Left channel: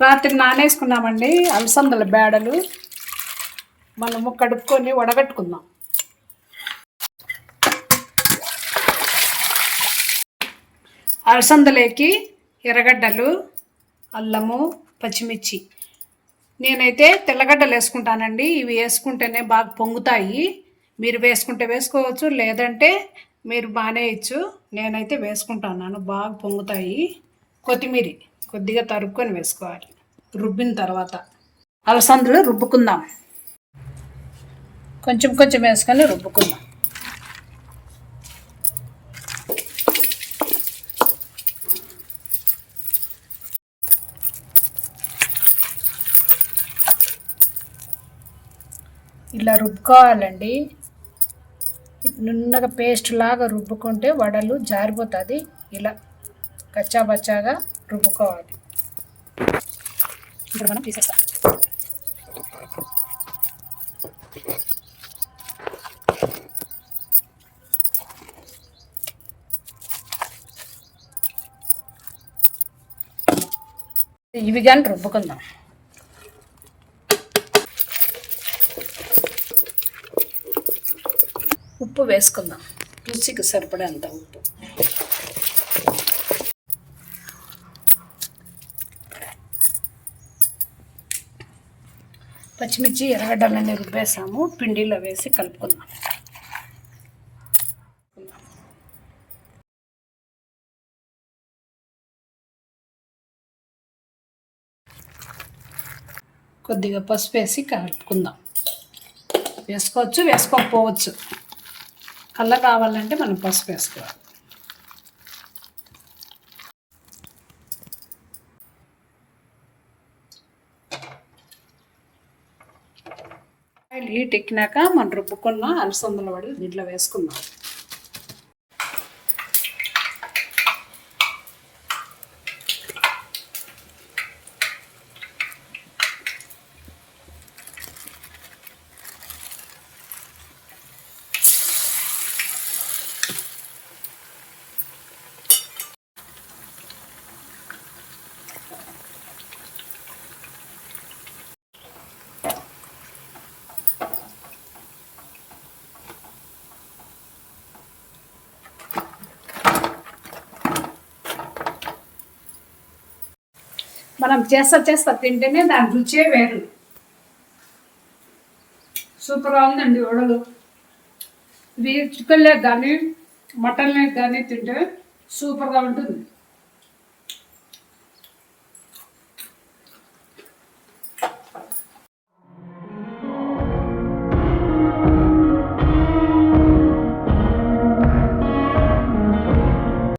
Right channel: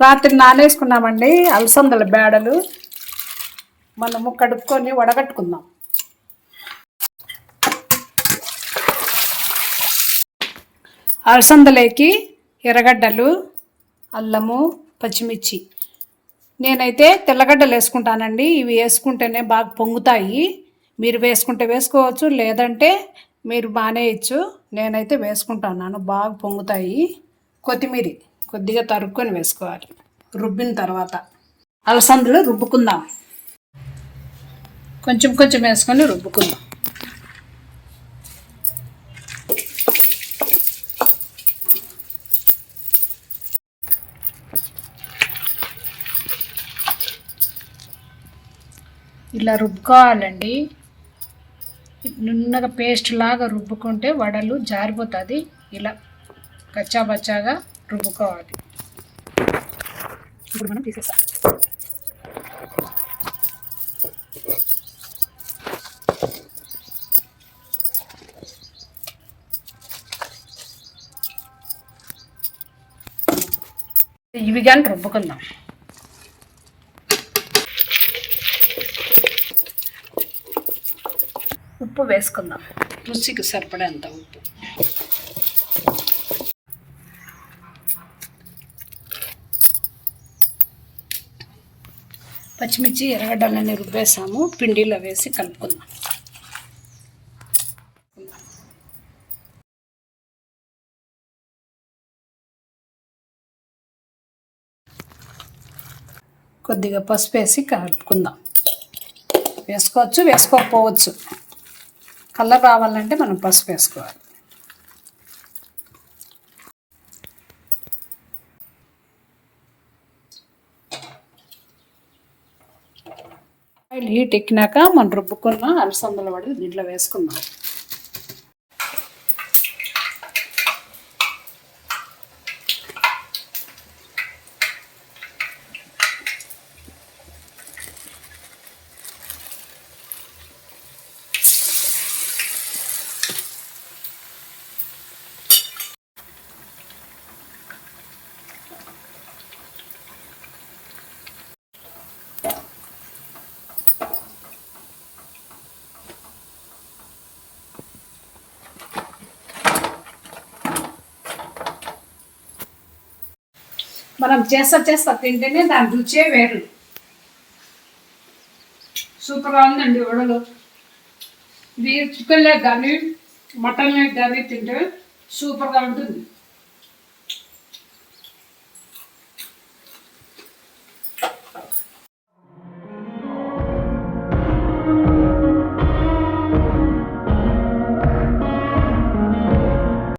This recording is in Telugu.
రాత్రి నానేసుకున్నామండి అలసందల బేడలు. మనము కడుక్కొని వడగట్టుకుందాం. అలసందలేకి ఎర్రగడ్డలు అల్లము పచ్చిమిర్చి. నేనైతే తెల్లగడ్డలు వేసుకుంటానండి. ఇవి వేసుకుంటేనే బాగా పొంగుతాయి. మీరు వేసుకుంటే వేసుకోవచ్చు లేదంటే మీరు మానేయచ్చు. నేనైతే వేసుకుంటాను. బాగా పొంగుతాయి. కొత్తిమీర. కొద్దిగా తరుక్కొని వేసుకోవాలి. రుబ్బిన తర్వాత అలసందులు రుబ్బుకుందాం. కొంచెం కొంచెం వేసుకొని రుబ్బుకుందాం. ఇలా రుబ్బుకోవాలండి. నున్నగా పేస్ట్ లాగా రుబ్బుకుంటే వడలు జారిపోతుంది. ఇలా కచ్చాబచ్చాగా రుబ్బుకోవాలి ఇప్పుడు మనం తీసేస్తాం. ఇవి కానీ రుబ్బుకుందాం. ఉప్పు వేసుకుందాం. రుచికి సరిపడేంత ఉప్పు. పచ్చిమిర్చి ఎర్రగడ్డలన్నీ రుబ్బేసాము పిండిలో వేసి కలుపుకుందాం. కొద్దిగా పసుపు వేసి కలుపుకుందాం. వేసుకోవచ్చు వేసుకోకపోవచ్చు. కలర్ రావాలంటే మనం పసుపు వేసుకోవాలి. ఆయిల్ హీట్ ఎక్కినాక మనం రుబ్బుకున్న అలసందల వడలు దీంట్లో వేసుకుందాం. మనం చేస్తా చేస్తా తింటేనే దాని రుచే వేరు. సూపర్గా ఉందండి వడలు. ఇది చికెన్ లేక్ కానీ మటన్ లేక్ కానీ తింటే సూపర్గా ఉంటుంది.